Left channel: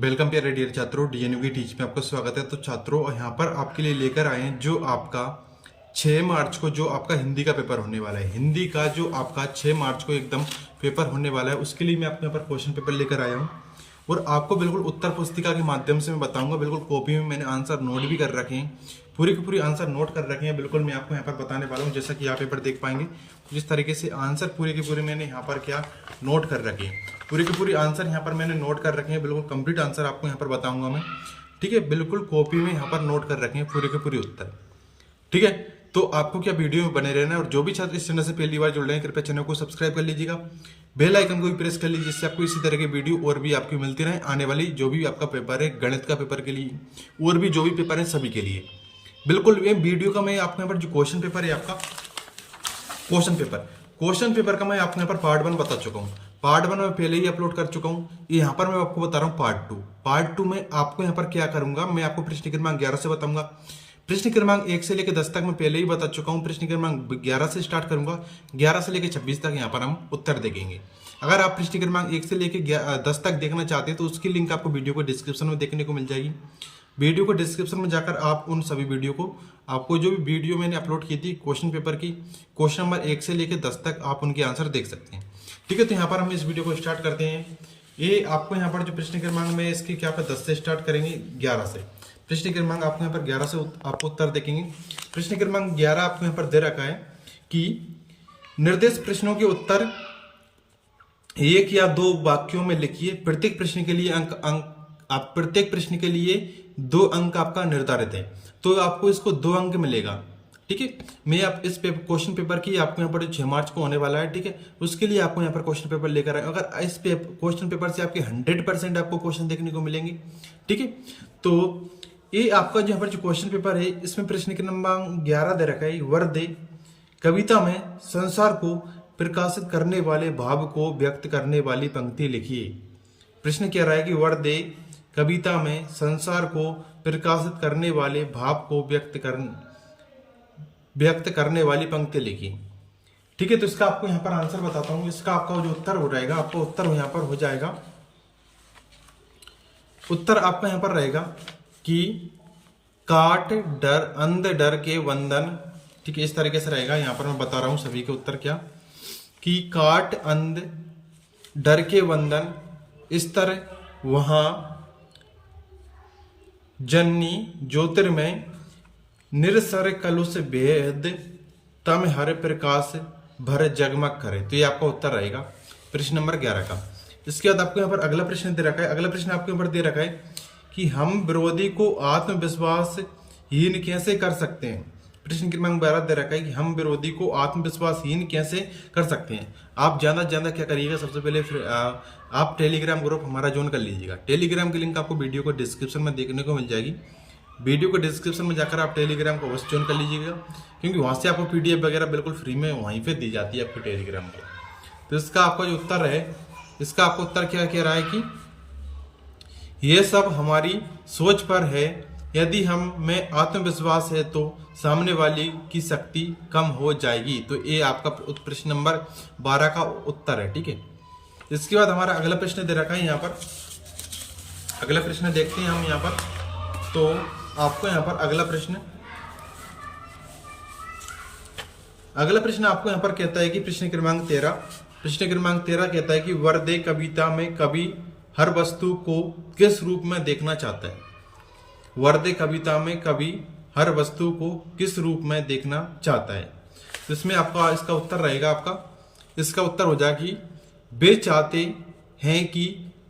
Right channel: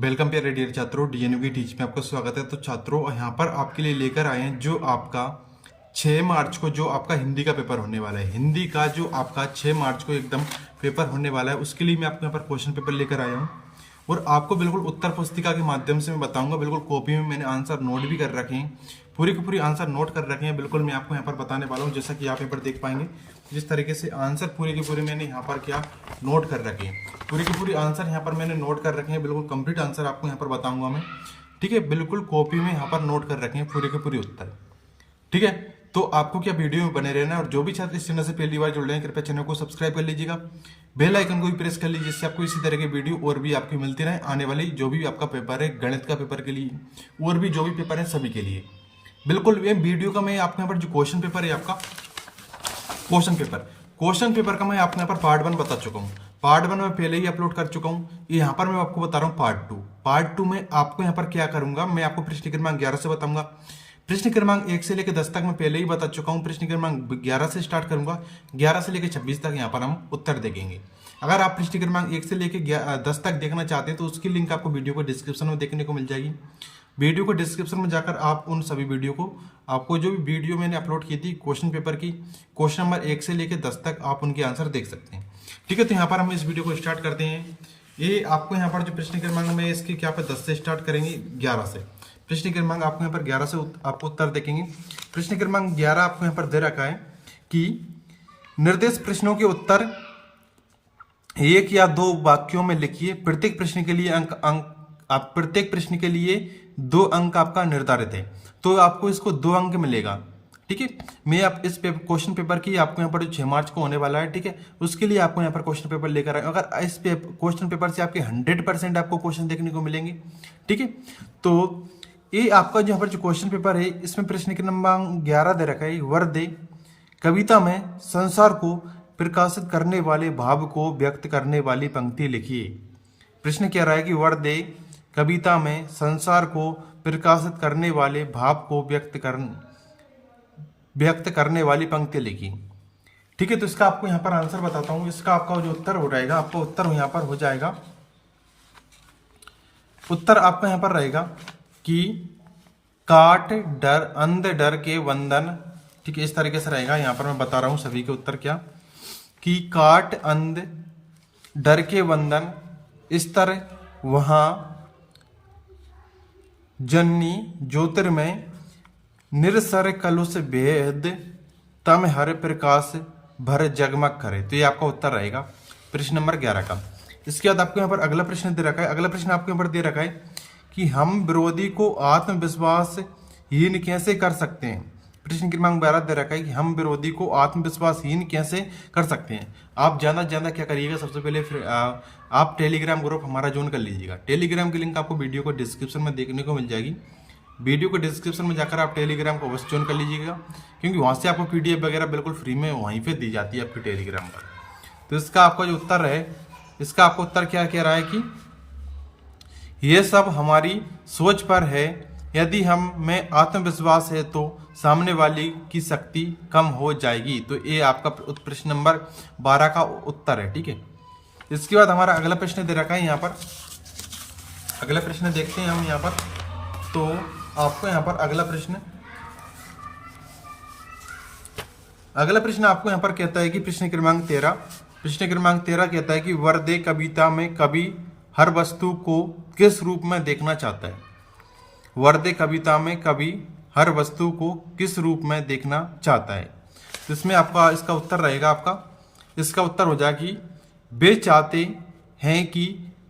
Welcome प्यारे dear छात्रों, डीएनयू की टीच में आपका स्वागत है। तो छात्रों, यहाँ पर आपके लिए लेकर आए हैं जो आपका 6 मार्च को जो आपका हिंदी का पेपर होने वाला है। हिंदी का जो आपका 6 मार्च को एकदम पेपर होने वाला है, उसके लिए मैं आपको यहाँ पर क्वेश्चन पेपर लेकर आया हूँ और आपको बिल्कुल उत्तर पुस्तिका के माध्यम से मैं बताऊंगा। बिल्कुल कॉपी में मैंने आंसर नोट भी कर रखे हैं, पूरी की पूरी आंसर नोट कर रखे हैं। बिल्कुल मैं आपको यहाँ पर बताने वाला हूँ, जैसा कि आप पेपर देख पाएंगे जिस तरीके से आंसर पूरी की पूरी मैंने यहाँ पर क्या नोट कर रखे हैं। पूरी की पूरी आंसर यहाँ पर मैंने नोट कर रखे हैं, बिल्कुल कंप्लीट आंसर आपको यहाँ पर बताऊंगा मैं। ठीक है, बिल्कुल कॉपी में यहाँ पर नोट कर रखे हैं पूरे के पूरे उत्तर। ठीक है, तो आपको क्या वीडियो में बने रहना है। और जो भी छात्र इस चैनल से पहली बार जुड़ रहे हैं, कृपया चैनल को सब्सक्राइब कर लीजिएगा, बेल आइकन को भी प्रेस कर लीजिए, जिससे आपको इसी तरह के वीडियो और भी आपकी मिलती रहे आने वाली जो भी आपका पेपर है, गणित का पेपर के लिए और भी जो भी पेपर है सभी के लिए। बिल्कुल ये वीडियो का मैं आपको यहाँ पर जो क्वेश्चन पेपर है आपका क्वेश्चन पेपर का मैं आपको यहाँ पर पार्ट 1 बता चुका हूँ। पार्ट 1 में पहले ही अपलोड कर चुका हूँ। यहाँ पर मैं आपको बता रहा हूँ पार्ट 2 में आपको यहाँ पर क्या करूंगा, मैं आपको प्रश्न क्रमांक 11 से बताऊंगा। प्रश्न क्रमांक 1 से लेकर 10 तक मैं पहले ही बता चुका हूँ। प्रश्न क्रमांक 11 से स्टार्ट करूंगा, 11 से लेकर 26 तक यहाँ पर हम उत्तर देखेंगे। अगर आप प्रश्न क्रमांक 1 से लेकर 10 तक देखना चाहते हैं तो उसकी लिंक आपको वीडियो को डिस्क्रिप्शन में देखने को मिल जाएगी। वीडियो को डिस्क्रिप्शन में जाकर आप उन सभी वीडियो को, आपको जो भी वीडियो मैंने अपलोड की थी क्वेश्चन पेपर की, क्वेश्चन नंबर 1 से लेकर 10 तक आप उनके आंसर देख सकते हैं। ठीक है, तो यहाँ पर हम इस वीडियो को स्टार्ट करते हैं। ये आपको यहाँ पर जो प्रश्न क्रमांक में इसके क्या पर 10 से स्टार्ट करेंगे, 11 से। प्रश्न क्रमांक आपको यहाँ पर 11 से आपको उत्तर देखेंगे। प्रश्न क्रमांक 11 आपको यहाँ पर दे रखा है कि निर्देश प्रश्नों के उत्तर एक या दो वाक्यों में लिखिए। प्रत्येक प्रश्न के लिए आप प्रत्येक प्रश्न के लिए 2 अंक आपका निर्धारित है, तो आपको इसको 2 अंक मिलेगा। ठीक है, मैं आप इस क्वेश्चन पेपर की आपको यहाँ पर 6 मार्च को होने वाला है, ठीक है, उसके लिए आपको यहाँ पर क्वेश्चन पेपर लेकर आए। अगर इस क्वेश्चन पेपर से आपके 100% आपको क्वेश्चन देखने को मिलेंगे। ठीक है, तो ये आपका यहाँ पर जो क्वेश्चन पेपर है, इसमें प्रश्न क्रमांक 11 दे रखा है, वर्दे कविता में संसार को प्रकाशित करने वाले भाव को व्यक्त करने वाली पंक्ति लिखिए। प्रश्न कह रहा है कि वर्दे कविता में संसार को प्रकाशित करने वाले भाव को व्यक्त करने वाली पंक्ति लिखी। ठीक है, तो इसका आपको यहाँ पर आंसर बताता हूँ। इसका आपका जो उत्तर हो जाएगा, आपका उत्तर यहाँ पर हो जाएगा, उत्तर आपका यहाँ पर रहेगा कि काट डर अंध डर के वंदन। ठीक है, इस तरीके से रहेगा। यहाँ पर मैं बता रहा हूँ सभी के उत्तर क्या, कि काट अंध डर के वंदन स्तर वहां जन्नी ज्योतिर्मय निरसर कलुष भेद तम हर प्रकाश भर जगमग करे। तो ये आपका उत्तर रहेगा प्रश्न नंबर 11 का। इसके बाद आपको यहाँ पर अगला प्रश्न दे रखा है। अगला प्रश्न आपको यहाँ पर दे रखा है कि हम विरोधी को आत्मविश्वास हीन कैसे कर सकते हैं। प्रश्न क्रमांक 12 दे रखा है कि हम विरोधी को आत्मविश्वासहीन कैसे कर सकते हैं। आप ज्यादा से ज्यादा क्या करिएगा, सबसे पहले आप टेलीग्राम ग्रुप हमारा ज्वाइन कर लीजिएगा। टेलीग्राम की लिंक आपको वीडियो को डिस्क्रिप्शन में देखने को मिल जाएगी। वीडियो को डिस्क्रिप्शन में जाकर आप टेलीग्राम को अवश्य ज्वाइन कर लीजिएगा, क्योंकि वहां से आपको PDF वगैरह बिल्कुल फ्री में वहीं पे दी जाती है आपके टेलीग्राम पर। तो इसका आपका जो उत्तर है, इसका आपको उत्तर क्या कह रहा है कि यह सब हमारी सोच पर है। यदि हम में आत्मविश्वास है तो सामने वाली की शक्ति कम हो जाएगी। तो ये आपका प्रश्न नंबर 12 का उत्तर है। ठीक है, इसके बाद हमारा अगला प्रश्न दे रखा है। यहाँ पर अगला प्रश्न देखते हैं हम यहाँ पर। तो आपको यहाँ पर अगला प्रश्न आपको यहाँ पर कहता है कि प्रश्न क्रमांक 13 कहता है कि वर्दे कविता में कवि हर वस्तु को किस रूप में देखना चाहता है। वर्दे कविता में कवि हर वस्तु को किस रूप में देखना चाहता है। तो इसमें आपका इसका उत्तर रहेगा, आपका इसका उत्तर हो जाएगा कि वे चाहते हैं कि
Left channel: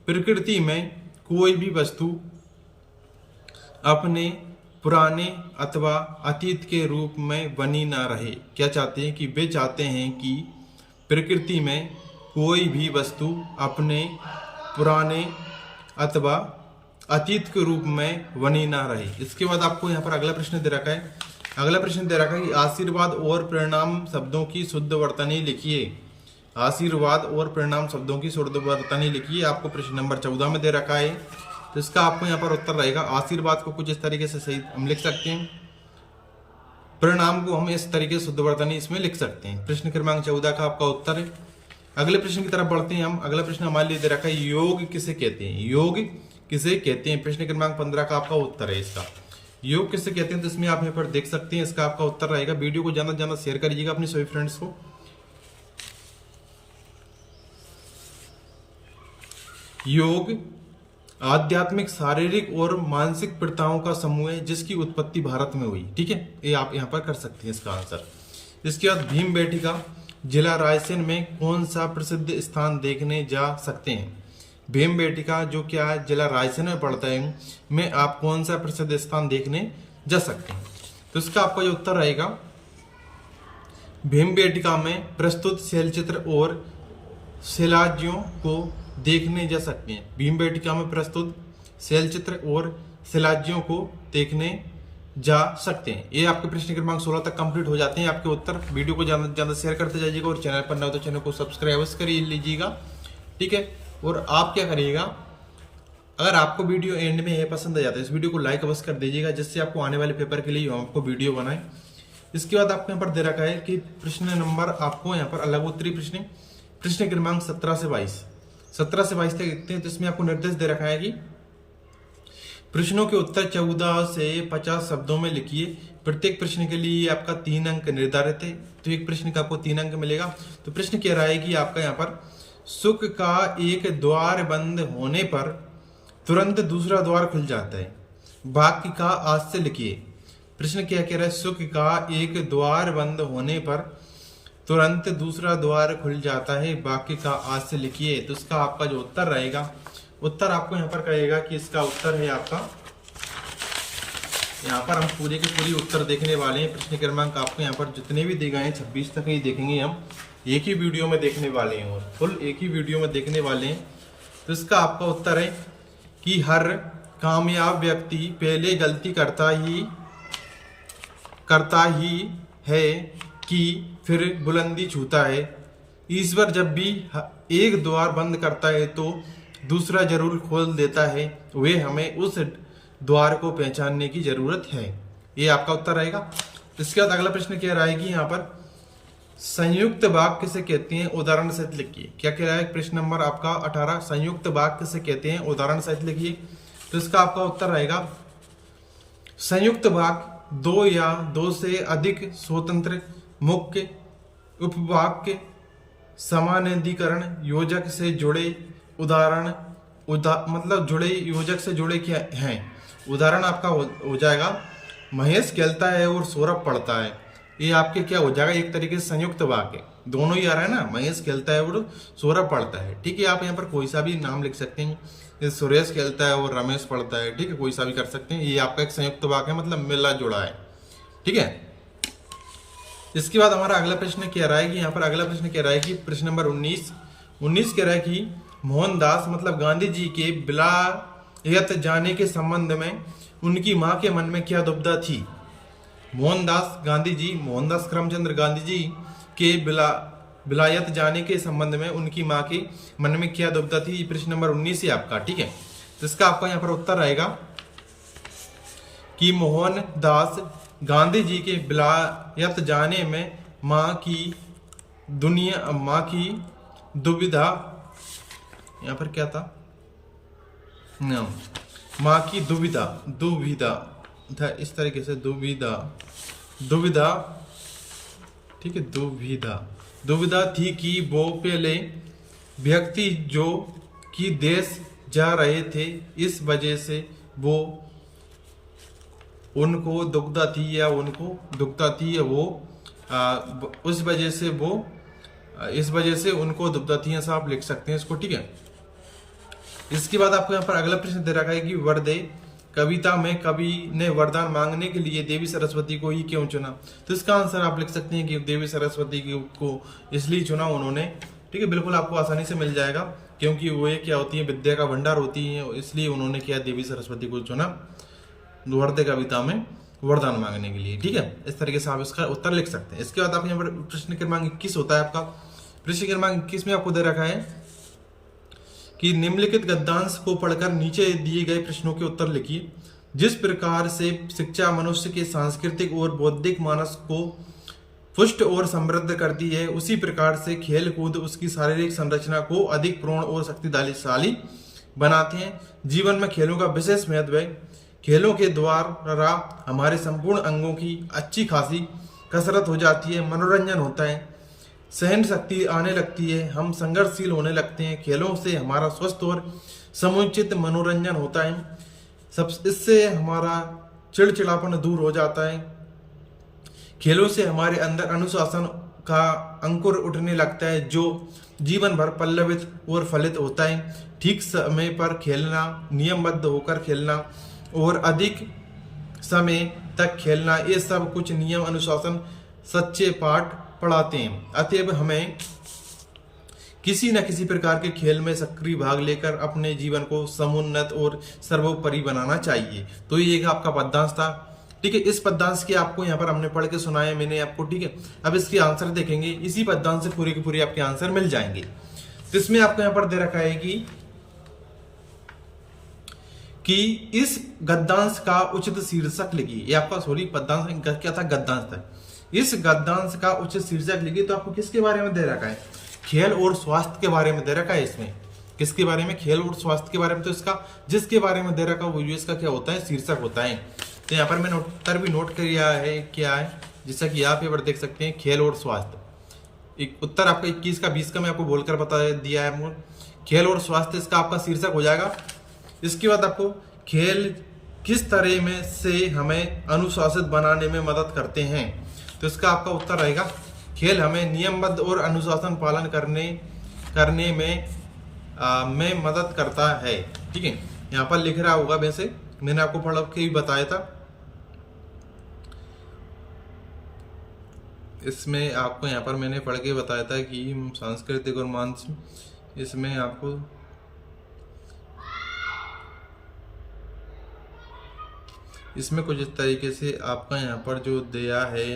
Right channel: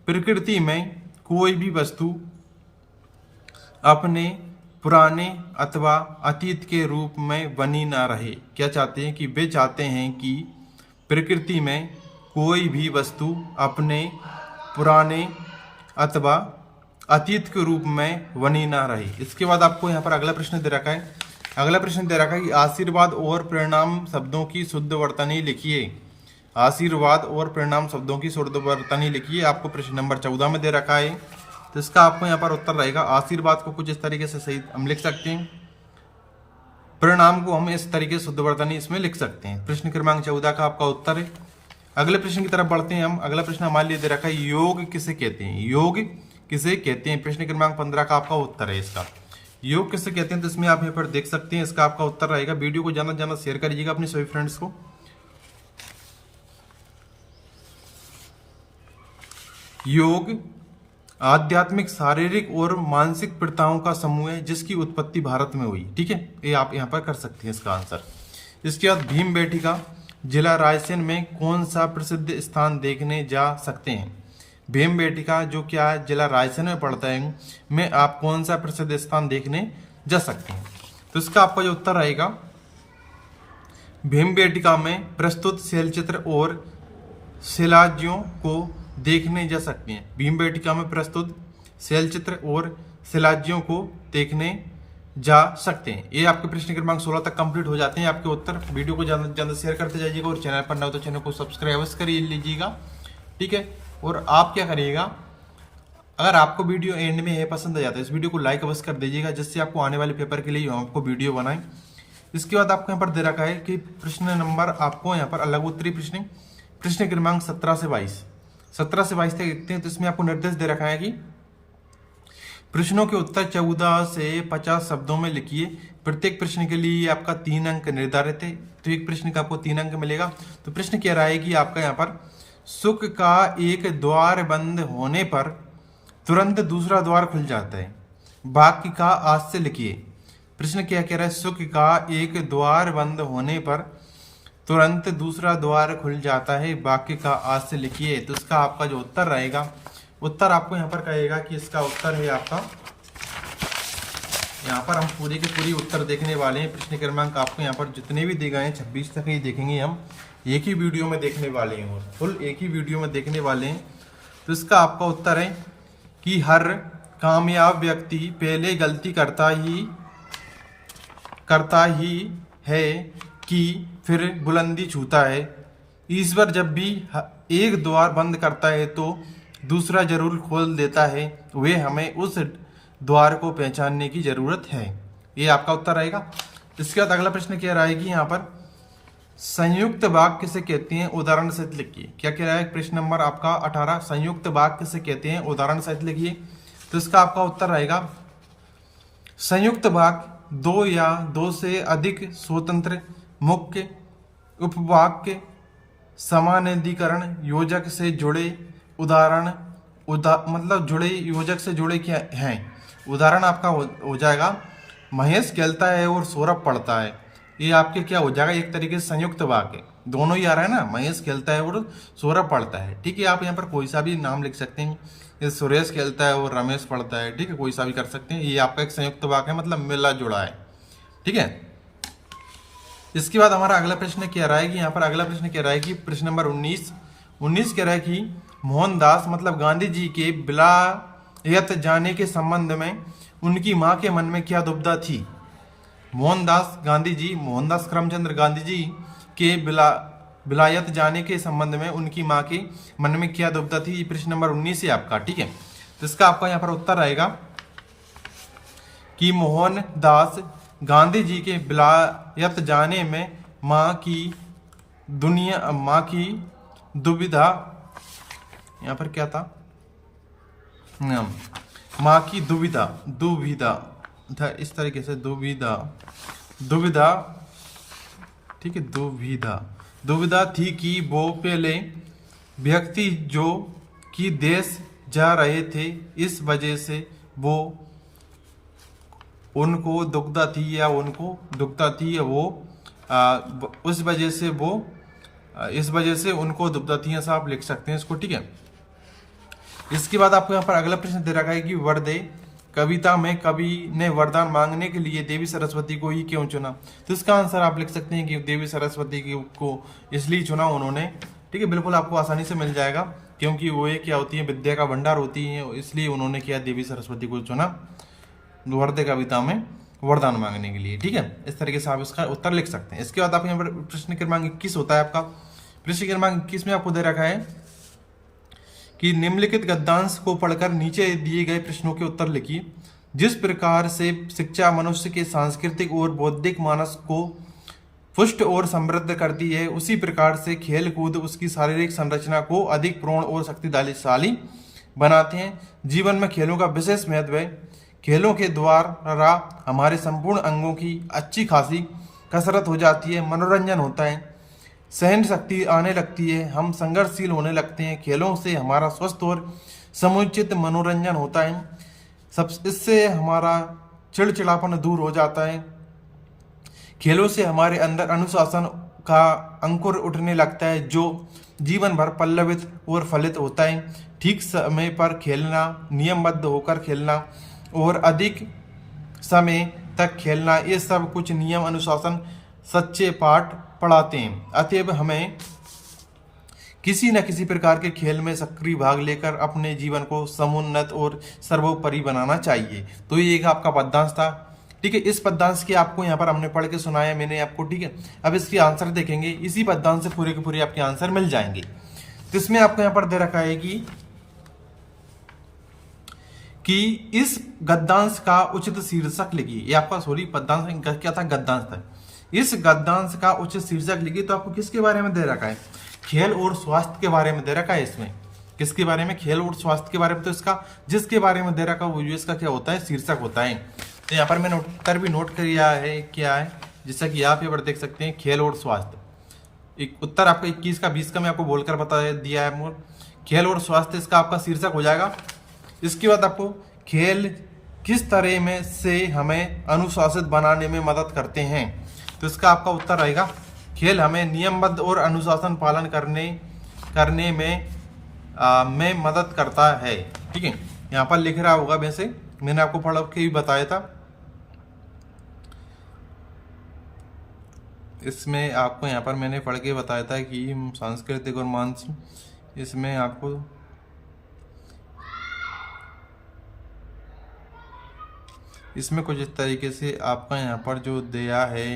प्रकृति में कोई भी वस्तु अपने पुराने अथवा अतीत के रूप में बनी ना रहे। क्या चाहते हैं कि वे चाहते हैं कि प्रकृति में कोई भी वस्तु अपने पुराने अथवा अतीत के रूप में बनी ना रहे। इसके बाद आपको यहाँ पर अगला प्रश्न दे रखा है। अगला प्रश्न दे रखा है कि आशीर्वाद और परिणाम शब्दों की शुद्ध वर्तनी लिखिए। आशीर्वाद और परिणाम शब्दों की शुद्ध वर्तनी लिखिए। आपको प्रश्न नंबर 14 में दे रखा है। तो इसका आपको यहाँ पर उत्तर रहेगा, आशीर्वाद को कुछ इस तरीके से सही हम लिख सकते हैं, परिणाम को हम इस तरीके से शुद्ध वर्तनी इसमें लिख सकते हैं। प्रश्न क्रमांक 14 का आपका उत्तर है। अगले प्रश्न की तरफ बढ़ते हैं हम। अगला प्रश्न हमारे लिए दे रखा है, योग किसे कहते हैं। योग किसे कहते हैं? प्रश्न क्रमांक 15 का आपका उत्तर है इसका। योग किसे कहते हैं? तो इसमें आप यहाँ पर देख सकते हैं, इसका आपका उत्तर रहेगा। वीडियो को ज्यादा से ज्यादा शेयर करिएगा अपने सभी फ्रेंड्स को। योग आध्यात्मिक, शारीरिक और मानसिक प्रथाओं का समूह है जिसकी उत्पत्ति भारत में हुई। ठीक है, ये आप यहाँ पर कर सकते हैं इसका आंसर। इसके बाद भीमबेटका जिला रायसेन में कौन सा प्रसिद्ध स्थान देखने जा सकते हैं? भीमबेटका जो क्या है, जिला रायसेन में पड़ता है, में आप कौन सा प्रसिद्ध स्थान देखने जा सकते हैं? तो इसका आपका जो उत्तर रहेगा, भीमबेटका में प्रस्तुत शैलचित्र और शिलाज्यों को देखने जा सकते हैं। भीमबेटका में प्रस्तुत शैलचित्र और शिलाज्यों को देखने जा सकते हैं। ये आपके प्रश्न क्रमांक 16 तक कंप्लीट हो जाते हैं आपके उत्तर। वीडियो को ज्यादा से ज्यादा शेयर करते जाइएगा और चैनल पर ना हो तो चैनल को सब्सक्राइब कर लीजिएगा। ठीक है, और आप क्या करिएगा, अगर आपको वीडियो एंड में ये पसंद आ जाता है इस वीडियो को लाइक अवश्य कर दीजिएगा, जिससे आपको आने वाले पेपर के लिए हम आपको वीडियो बनाएं। इसके बाद आपको यहाँ पर दे रखा है कि प्रश्न नंबर आपको यहाँ पर अलग उत्तरी प्रश्न क्रमांक 17 से 22 तक देखते हैं। तो इसमें आपको निर्देश दे रखा है कि प्रश्नों के उत्तर 14 से 50 शब्दों में लिखिए। प्रत्येक प्रश्न के लिए आपका 3 अंक निर्धारित है, तो एक प्रश्न का आपको 3 अंक मिलेगा। तो प्रश्न कह रहा है कि आपका यहाँ पर सुख का एक द्वार बंद होने पर तुरंत दूसरा द्वार खुल जाता है, वाक्य का आज से लिखिए। प्रश्न क्या कह रहा है? सुख का एक द्वार बंद होने पर तुरंत दूसरा द्वार खुल जाता है, वाक्य का आज से लिखिए। तो इसका आपका जो उत्तर रहेगा, उत्तर आपको यहाँ पर कहेगा कि इसका उत्तर है आपका, यहाँ पर हम पूरे के पूरी उत्तर देखने वाले हैं। प्रश्न क्रमांक आपको यहाँ पर जितने भी दिए गए हैं 26 तक ही देखेंगे हम, एक ही वीडियो में देखने वाले हैं और फुल एक ही वीडियो में देखने वाले हैं। तो इसका आपका उत्तर है कि हर कामयाब व्यक्ति पहले गलती करता ही है कि फिर बुलंदी छूता है। ईश्वर जब भी एक द्वार बंद करता है तो दूसरा जरूर खोल देता है, वे हमें उस द्वार को पहचानने की जरूरत है। ये आपका उत्तर रहेगा। इसके बाद अगला प्रश्न कह रहा है कि यहाँ पर संयुक्त वाक्य किसे कहते हैं? उदाहरण सहित लिखिए। क्या कह रहा है? प्रश्न नंबर आपका 18, संयुक्त वाक्य किसे कहते हैं? उदाहरण सहित लिखिए। तो इसका आपका उत्तर रहेगा, संयुक्त वाक्य 2 या 2 से अधिक स्वतंत्र मुख्य उपवाक्य समानाधिकरण योजक से जुड़े मतलब जुड़े योजक से जुड़े क्या हैं? उदाहरण आपका हो जाएगा, महेश खेलता है और सौरभ पढ़ता है। ये आपके क्या हो जाएगा? एक तरीके से संयुक्त वाक्य, दोनों ही आ रहा है ना, महेश खेलता है और सौरभ पढ़ता है। ठीक है, आप यहाँ पर कोई सा भी नाम लिख सकते हैं, सुरेश खेलता है और रमेश पढ़ता है। ठीक है, कोई सा भी कर सकते हैं। ये आपका एक संयुक्त वाक्य है, मतलब मिला जुड़ा है। ठीक है, इसके बाद हमारा अगला प्रश्न कह रहा है कि यहाँ पर अगला प्रश्न कह रहा है कि प्रश्न नंबर 19 कह रहा है कि मोहनदास मतलब गांधी जी के विलायत जाने के संबंध में उनकी मां के मन में क्या दुविधा थी? मोहनदास करमचंद गांधी जी के विलायत जाने के संबंध में उनकी मां के मन में क्या दुविधा थी? प्रश्न नंबर 19 है आपका। ठीक है, तो इसका आपका यहाँ पर उत्तर आएगा कि मोहनदास गांधी जी के विलायत जाने में मां की दुविधा, यहाँ पर क्या था? मां की दुविधा था, इस तरीके से दुविधा। ठीक है, दुविधा थी कि वो पहले व्यक्ति जो कि देश जा रहे थे, इस वजह से वो उनको दुविधा थी या उस वजह से वो इस वजह से उनको दुविधा थी, ऐसा आप लिख सकते हैं इसको। ठीक है, इसके बाद आपको यहाँ पर अगला प्रश्न दे रखा है कि वरदे कविता में कवि ने वरदान मांगने के लिए देवी सरस्वती को ही क्यों चुना? तो इसका आंसर आप लिख सकते हैं कि देवी सरस्वती को इसलिए चुना उन्होंने। ठीक है, बिल्कुल आपको आसानी से मिल जाएगा, क्योंकि वो क्या होती है, विद्या का भंडार होती है, इसलिए उन्होंने क्या देवी सरस्वती को चुना वरदे कविता में वरदान मांगने के लिए। ठीक है, इस तरीके से आप इसका उत्तर लिख सकते हैं। इसके बाद आप यहाँ पर प्रश्न क्रमांक 21 होता है आपका। प्रश्न क्रमांक 21 में आपको दे रखा है कि निम्नलिखित गद्यांश को पढ़कर नीचे दिए गए प्रश्नों के उत्तर लिखिए। जिस प्रकार से शिक्षा मनुष्य के सांस्कृतिक और बौद्धिक मानस को पुष्ट और समृद्ध करती है, उसी प्रकार से खेल कूद उसकी शारीरिक संरचना को अधिक प्रौढ़ और शक्तिशाली बनाते हैं। जीवन में खेलों का विशेष महत्व है। खेलों के द्वारा हमारे संपूर्ण अंगों की अच्छी खासी कसरत हो जाती है, मनोरंजन होता है, सहन शक्ति आने लगती है, हम संघर्षशील होने लगते हैं। खेलों से हमारा स्वस्थ और समुचित मनोरंजन होता है। सब इससे हमारा चिड़चिड़ापन दूर हो जाता है। खेलों से हमारे अंदर अनुशासन का अंकुर उठने लगता है, जो जीवन भर पल्लवित और फलित होता है। ठीक समय पर खेलना, नियमबद्ध होकर खेलना और अधिक समय तक खेलना, ये सब कुछ नियम अनुशासन सच्चे पाठ पढ़ाते हैं। अतएव हमें किसी न किसी प्रकार के खेल में सक्रिय भाग लेकर अपने जीवन को समुन्नत और सर्वोपरि बनाना चाहिए। तो ये एक आपका पद्यांश था। ठीक है, इस पद्यांश के आपको यहाँ पर हमने पढ़ के सुनाया मैंने आपको। ठीक है, अब इसके आंसर देखेंगे। इसी पद्यांश से पूरे के पूरे आपके आंसर मिल जाएंगे। तो इसमें आपको यहाँ पर दे रखा है कि इस गद्यांश का उचित शीर्षक लिखिए। ये आपका सॉरी पद्यांश क्या था, गद्यांश था। इस गद्यांश का उचित शीर्षक लिखिए। तो आपको किसके बारे में दे रखा है, खेल और स्वास्थ्य के बारे में दे रखा है। इसमें किसके बारे में, खेल और स्वास्थ्य के बारे में। तो इसका जिसके बारे में दे रखा है वो इसका क्या होता है, शीर्षक होता है। तो यहाँ पर मैंने उत्तर भी नोट किया है, क्या है, जैसा कि आप यहाँ पर देख सकते हैं, खेल और स्वास्थ्य। एक उत्तर आपका 21 का 20 का मैं आपको बोलकर बता दिया है। खेल और स्वास्थ्य इसका आपका शीर्षक हो जाएगा। इसके बाद आपको खेल किस तरह में से हमें अनुशासित बनाने में मदद करते हैं। तो इसका आपका उत्तर रहेगा, खेल हमें नियमबद्ध और अनुशासन पालन करने में मदद करता है। ठीक है, यहाँ पर लिख रहा होगा, वैसे मैंने आपको पढ़ के भी बताया था। इसमें आपको यहाँ पर मैंने पढ़ के बताया था कि सांस्कृतिक और मानसिक, इसमें आपको इसमें कुछ इस तरीके से आपका यहाँ पर जो दिया है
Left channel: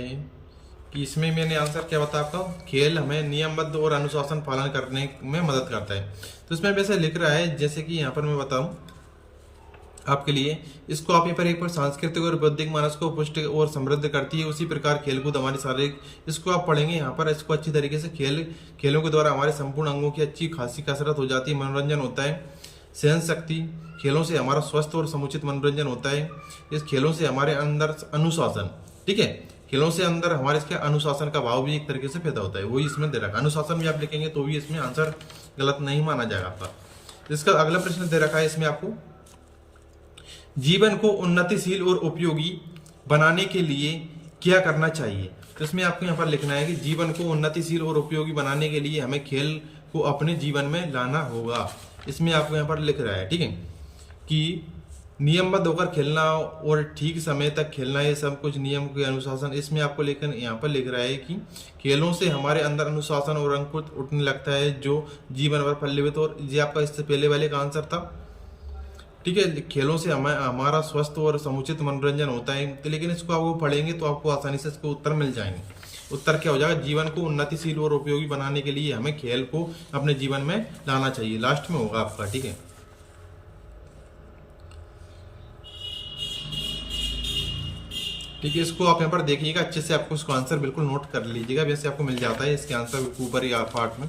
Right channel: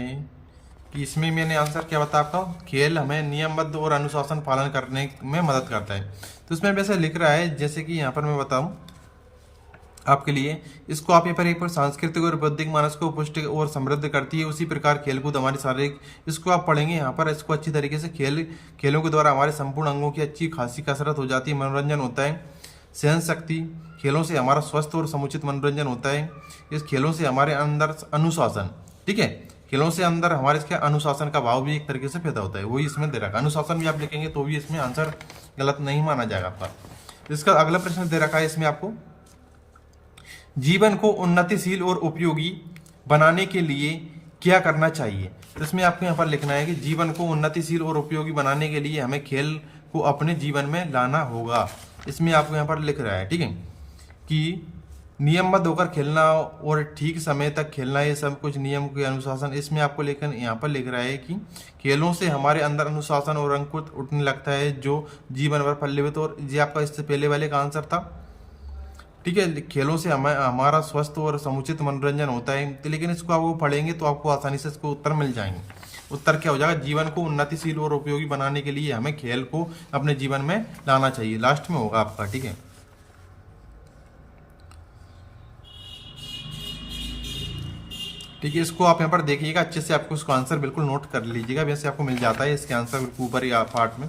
कि इसमें मैंने आंसर क्या बता आपका, खेल हमें नियमबद्ध और अनुशासन पालन करने में मदद करता है। तो इसमें वैसे लिख रहा है, जैसे कि यहाँ पर मैं बताऊं आपके लिए, इसको आप यहाँ पर एक पर सांस्कृतिक और बौद्धिक मानस को पुष्ट और समृद्ध करती है। उसी प्रकार खेलकूद हमारी शारीरिक, इसको आप पढ़ेंगे यहाँ पर, इसको अच्छी तरीके से खेलों के द्वारा हमारे संपूर्ण अंगों की अच्छी खासी कसरत हो जाती है, मनोरंजन होता है, सहन शक्ति, खेलों से हमारा स्वस्थ और समुचित मनोरंजन होता है। इस खेलों से हमारे अंदर अनुशासन, ठीक है, खेलों से अंदर हमारे इसके अनुशासन का भाव भी एक तरीके से पैदा होता है, वही इसमें दे रखा है। अनुशासन भी आप लिखेंगे तो भी इसमें आंसर गलत नहीं माना जाएगा आपका। इसका अगला प्रश्न दे रखा है इसमें आपको, जीवन को उन्नतिशील और उपयोगी बनाने के लिए क्या करना चाहिए। तो इसमें आपको यहाँ पर लिखना है कि जीवन को उन्नतिशील और उपयोगी बनाने के लिए हमें खेल को अपने जीवन में लाना होगा। इसमें आपको यहाँ पर लिख रहा है, ठीक है, कि नियमबद्ध होकर खेलना और ठीक समय तक खेलना, ये सब कुछ नियम के अनुशासन। इसमें आपको लेकिन यहाँ पर लिख रहा है कि खेलों से हमारे अंदर अनुशासन और अंकुर उठने लगता है, जो जीवन भर पल्लवित। और ये आपका इससे पहले वाले का आंसर था, ठीक है, खेलों से हमारा स्वस्थ और समुचित मनोरंजन होता है। तो लेकिन इसको आप वो पढ़ेंगे तो आपको आसानी से इसको उत्तर मिल जाएंगे। उत्तर क्या हो जाएगा, जीवन को उन्नतिशील और उपयोगी बनाने के लिए हमें खेल को अपने जीवन में लाना चाहिए, लास्ट में होगा आपका। ठीक है, ठीक है, इसको आप यहाँ पर देखिएगा अच्छे से, आपको इसका आंसर बिल्कुल नोट कर लीजिएगा, वैसे आपको मिल जाता है इसके आंसर बिल्कुल ऊपर ही पार्ट में।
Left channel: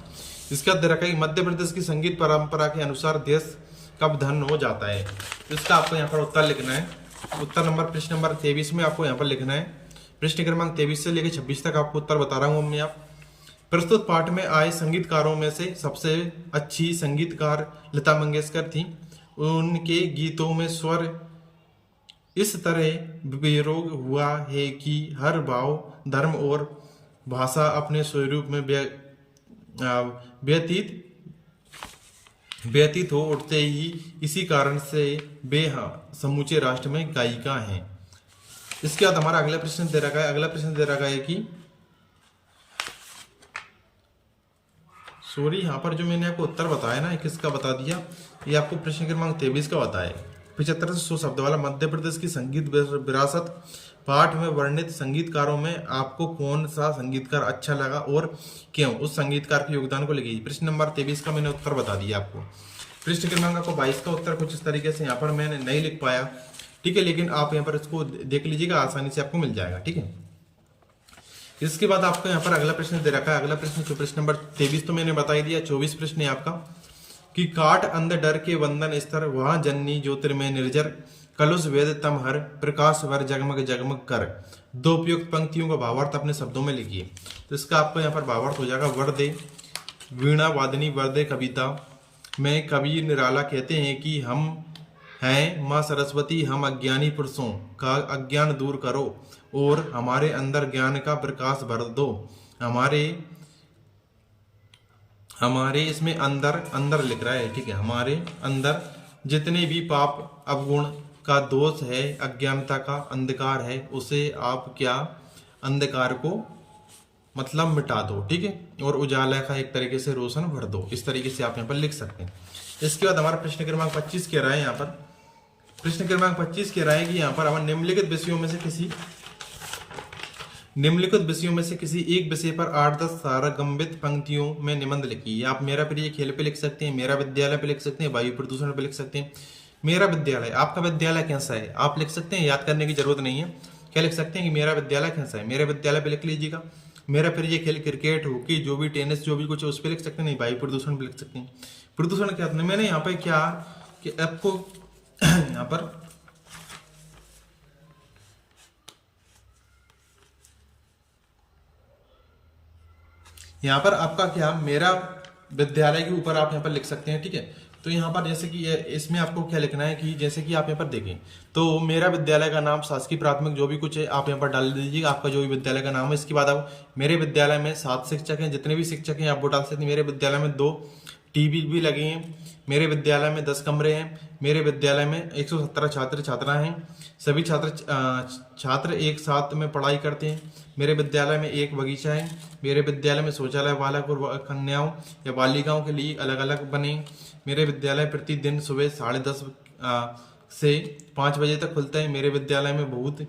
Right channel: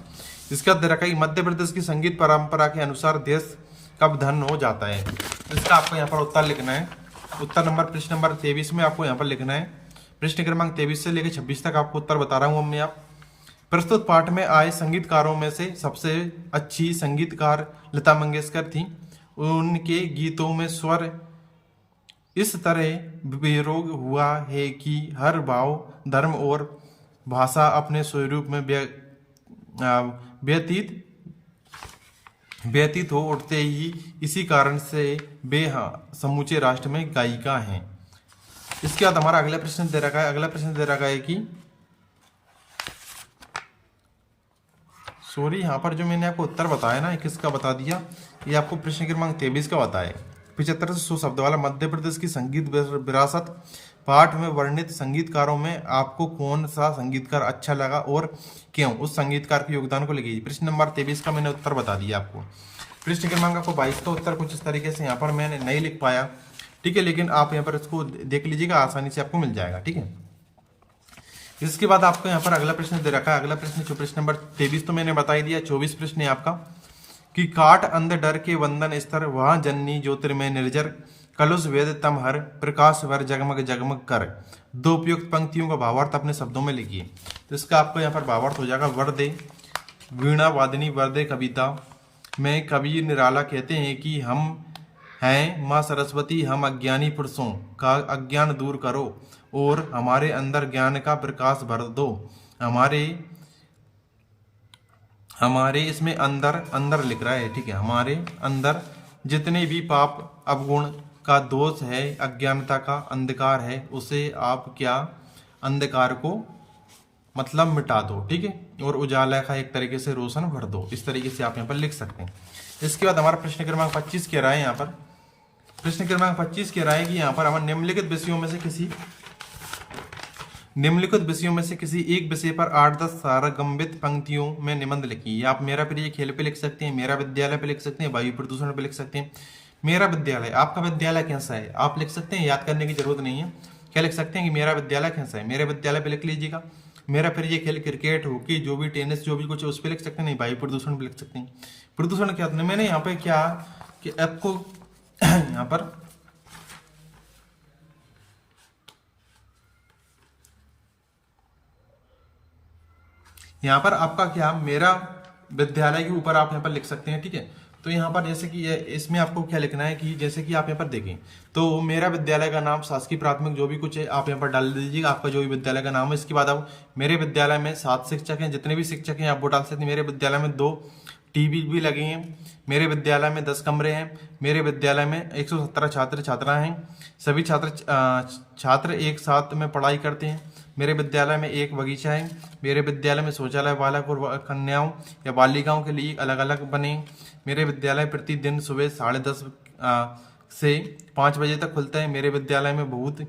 इसके बाद दे रखा है मध्य प्रदेश की संगीत परंपरा के अनुसार देश कब धन हो जाता है। तो इसका आपको यहाँ पर उत्तर लिखना है। उत्तर नंबर प्रश्न नंबर 23 में आपको यहाँ पर लिखना है। प्रश्न क्रमांक 23 से लेकर 26 तक आपको उत्तर बता रहा हूँ मैं। आप प्रस्तुत पाठ में आए संगीतकारों में से सबसे अच्छी संगीतकार लता मंगेशकर थी। उनके गीतों में स्वर इस तरह बेरोग हुआ है कि हर भाव, धर्म और भाषा अपने स्वरूप में व्यतीत हो उठते ही, इसी कारण से वे समूचे राष्ट्र में गायिका हैं। इसके बाद हमारा अगला प्रश्न दे रखा है। अगला प्रश्न दे रखा है कि सॉरी, यहाँ पर जो मैंने आपको उत्तर बताया ना, किसका बता दिया, ये आपको प्रश्न क्रमांक 23 का बताया है। 75 से 100 शब्द वाला मध्य प्रदेश की संगीत विरासत पाठ में वर्णित संगीतकारों में आपको कौन सा संगीतकार अच्छा लगा और क्यों, उस संगीतकार के योगदान को लिखिए। प्रश्न नंबर 23 का मैंने उत्तर बता दिया आपको। प्रश्न क्रमांक आपको 22 का उत्तर कुछ इस तरीके से यहाँ पर मैंने नहीं लिख पाया, ठीक है, लेकिन आप यहाँ पर इसको देख लीजिएगा, आसानी से आपको मिल जाएगा। ठीक है, इसके बाद आपको यहाँ पर अगला प्रश्न दे रखा है। अगला प्रश्न जो प्रश्न नंबर 23 तो मैंने बता ही दिया। 24 प्रश्न है आपका कि काट अंध डर के वंदन स्तर वहां जननी ज्योतिर्मय निर्जर कलुष वेद तम हर प्रकाश वर जगमग जगमग कर। दो उपयुक्त पंक्तियों का भावार्थ अपने शब्दों में लिखिए। तो इसका आपको यहाँ पर भावार्थ हो जाएगा, वरदे वीणा वादिनी वरदे कविता में कवि निराला कहते हैं कि हम हैं माँ सरस्वती, हम अज्ञानी पुरुषों का अज्ञान दूर करो और हमारे अंदर ज्ञान का प्रकाश भर दो। हमारे इसमें अंदर अंदर लिख रहा है, ठीक है, हमारे अंदर जितने भी पाप अवगुण का दोष है, अज्ञानता का अंधकार है, उसे आप क्या अंधकार को मतलब मिटा दो, ठीक है, और उजाला का एक तरीके से रोशन भर दो। इस तरीके से आप यहाँ पर लिख सकते हैं। इसके बाद हमारा प्रश्न क्रमांक 25 कह रहा है, यहाँ पर प्रश्न क्रमांक 25 कह रहा है कि यहाँ पर हमारे निम्नलिखित विषयों में से किसी एक विषय पर 8-10 सारगम्यित पंक्तियों में निबंध लिखिए। आप मेरा प्रिय खेल पे लिख सकते हैं, मेरा विद्यालय पे लिख सकते हैं, वायु प्रदूषण पे लिख सकते हैं। मेरा विद्यालय, आपका विद्यालय कैसा है आप लिख सकते हैं, याद करने की जरूरत नहीं है। क्या लिख सकते हैं कि मेरा विद्यालय कैसा है, मेरे विद्यालय पे लिख लीजिएगा। मेरा प्रिय खेल क्रिकेट, हॉकी, जो भी टेनिस, जो भी कुछ है उस पर लिख सकते हैं। नहीं, वायु प्रदूषण पे लिख सकते हैं। प्रदूषण क्या, मैंने यहाँ पे क्या कि आपको यहाँ पर आपका क्या मेरा विद्यालय के ऊपर आप यहाँ पर लिख सकते हैं, ठीक है। तो यहाँ पर जैसे कि इसमें आपको क्या लिखना है कि जैसे कि आप यहाँ पर देखें तो मेरा विद्यालय का नाम शासकीय प्राथमिक जो भी कुछ है आप यहाँ पर डाल दीजिएगा, आपका जो भी विद्यालय का नाम है। इसके बाद आप मेरे विद्यालय में 7 शिक्षक हैं, जितने भी शिक्षक हैं आप वो डाल सकते हैं। मेरे विद्यालय में 2 टीवी भी लगे हैं, मेरे विद्यालय में 10 कमरे हैं, मेरे विद्यालय में 117 छात्र छात्राएं हैं, सभी छात्र एक साथ में पढ़ाई करते हैं। मेरे विद्यालय में एक बगीचा है, मेरे विद्यालय में शौचालय बालक और कन्याओं या बालिकाओं के लिए अलग अलग बने। मेरे विद्यालय प्रतिदिन सुबह 10:30 से 5 बजे तक खुलता है। मेरे विद्यालय में बहुत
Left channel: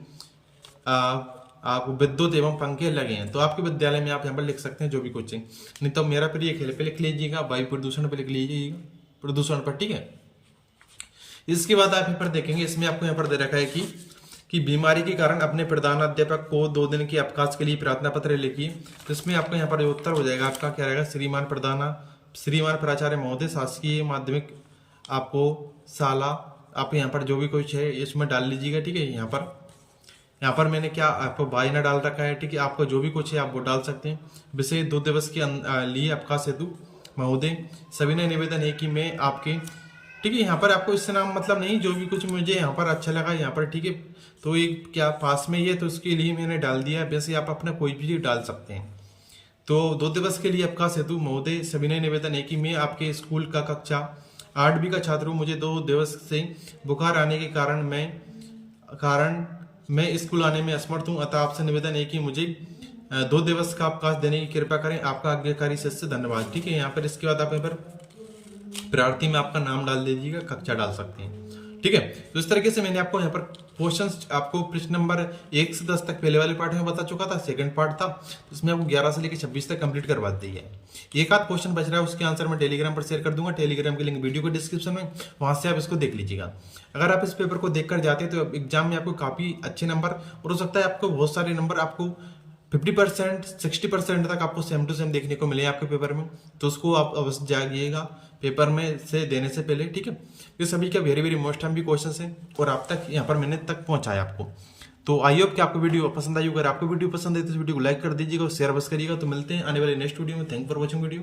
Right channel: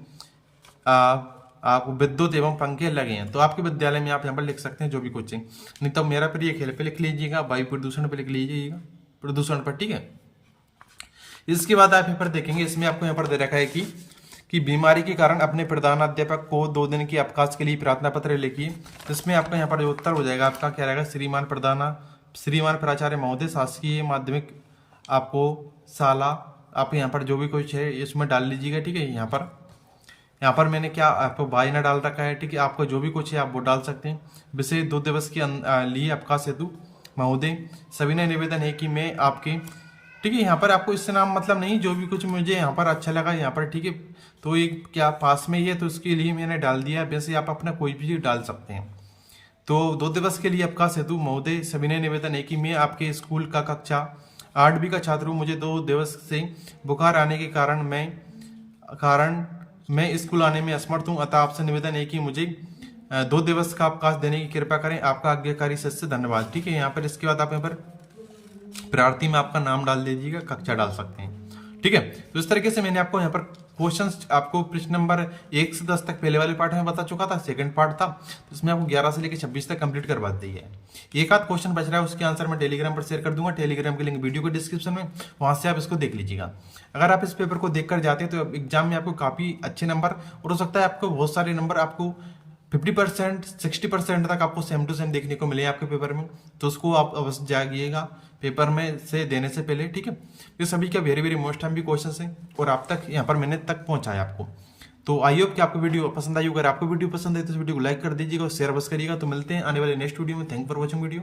विद्युत एवं पंखे लगे हैं। तो आपके विद्यालय में आप यहाँ पर लिख सकते हैं जो भी कुछ है। नहीं तो मेरा प्रिय खेल पे लिख लीजिएगा, वायु प्रदूषण पे लिख लीजिएगा, प्रदूषण पर, ठीक है। इसके बाद आप यहाँ पर देखेंगे, इसमें आपको यहाँ पर दे रखा है कि बीमारी के कारण अपने प्रधानाध्यापक को 2 दिन के अवकाश के लिए प्रार्थना पत्र लिखिए। इसमें आपका यहाँ पर जो उत्तर हो जाएगा आपका क्या रहेगा, श्रीमान प्राचार्य महोदय, शासकीय माध्यमिक आपको शाला, आप यहाँ पर जो भी कुछ है इसमें डाल लीजिएगा, ठीक है। यहाँ पर मैंने क्या आपको बायना डाल रखा है, ठीक है। आपको जो भी कुछ है आप वो डाल सकते हैं। विषय 2 दिवस के लिए अवकाश हेतु महोदय सविनय निवेदन है कि मैं आपके, ठीक है। यहाँ पर आपको इससे नाम मतलब नहीं, जो भी कुछ मुझे यहाँ पर अच्छा लगा यहाँ पर, ठीक है। तो एक क्या पास में ही है तो उसके लिए मैंने डाल दिया। वैसे आप अपना कोई भी डाल सकते हैं। तो 2 दिवस के लिए अवकाश हेतु महोदय सविनय निवेदन है कि मैं आपके स्कूल का कक्षा 8वीं का छात्र हूँ। मुझे 2 दिवस से बुखार आने के कारण मैं स्कूल आने में असमर्थ हूँ। अतः आपसे निवेदन है कि मुझे 2 दिवस का अवकाश देने की कृपा करें। आपका आज्ञाकारी सदस्य धन्यवाद, ठीक है। यहाँ पर इसके बाद आप यहाँ पर प्रार्थी में आपका नाम डाल दीजिएगा, कक्षा डाल सकते हैं, ठीक है। तो इस तरीके से मैंने आपको यहाँ पर क्वेश्चंस, आपको प्रश्न नंबर 1 से 10 तक पहले वाले पार्ट में बता चुका था। सेकंड पार्ट था तो इसमें आपको 11 से लेकर 26 तक कंप्लीट करवा दी है। एक आध क्वेश्चन बच रहा है, उसके आंसर मैं टेलीग्राम पर शेयर कर दूंगा। टेलीग्राम के लिंक वीडियो के डिस्क्रिप्शन में, वहां से आप इसको देख लीजिएगा। अगर आप इस पेपर को देखकर जाते हैं तो एग्जाम में आपको काफी अच्छे नंबर, और हो सकता है आपको बहुत सारे नंबर, आपको 50% 60% तक आपको सेम टू सेम देखने को मिले आपके पेपर में। तो उसको आप अवश्य जागिएगा पेपर में से देने से पहले, ठीक है। ये सभी का वेरी वेरी मोस्ट टाइम भी क्वेश्चन है और आप तक यहाँ पर मैंने तक पहुंचाया आपको। तो आई होप कि आपको वीडियो पसंद आई। अगर आपको वीडियो पसंद आई तो इस वीडियो को लाइक कर दीजिएगा और शेयर बस करिएगा। तो मिलते हैं आने वाले नेक्स्ट वीडियो में। Thank for watching video.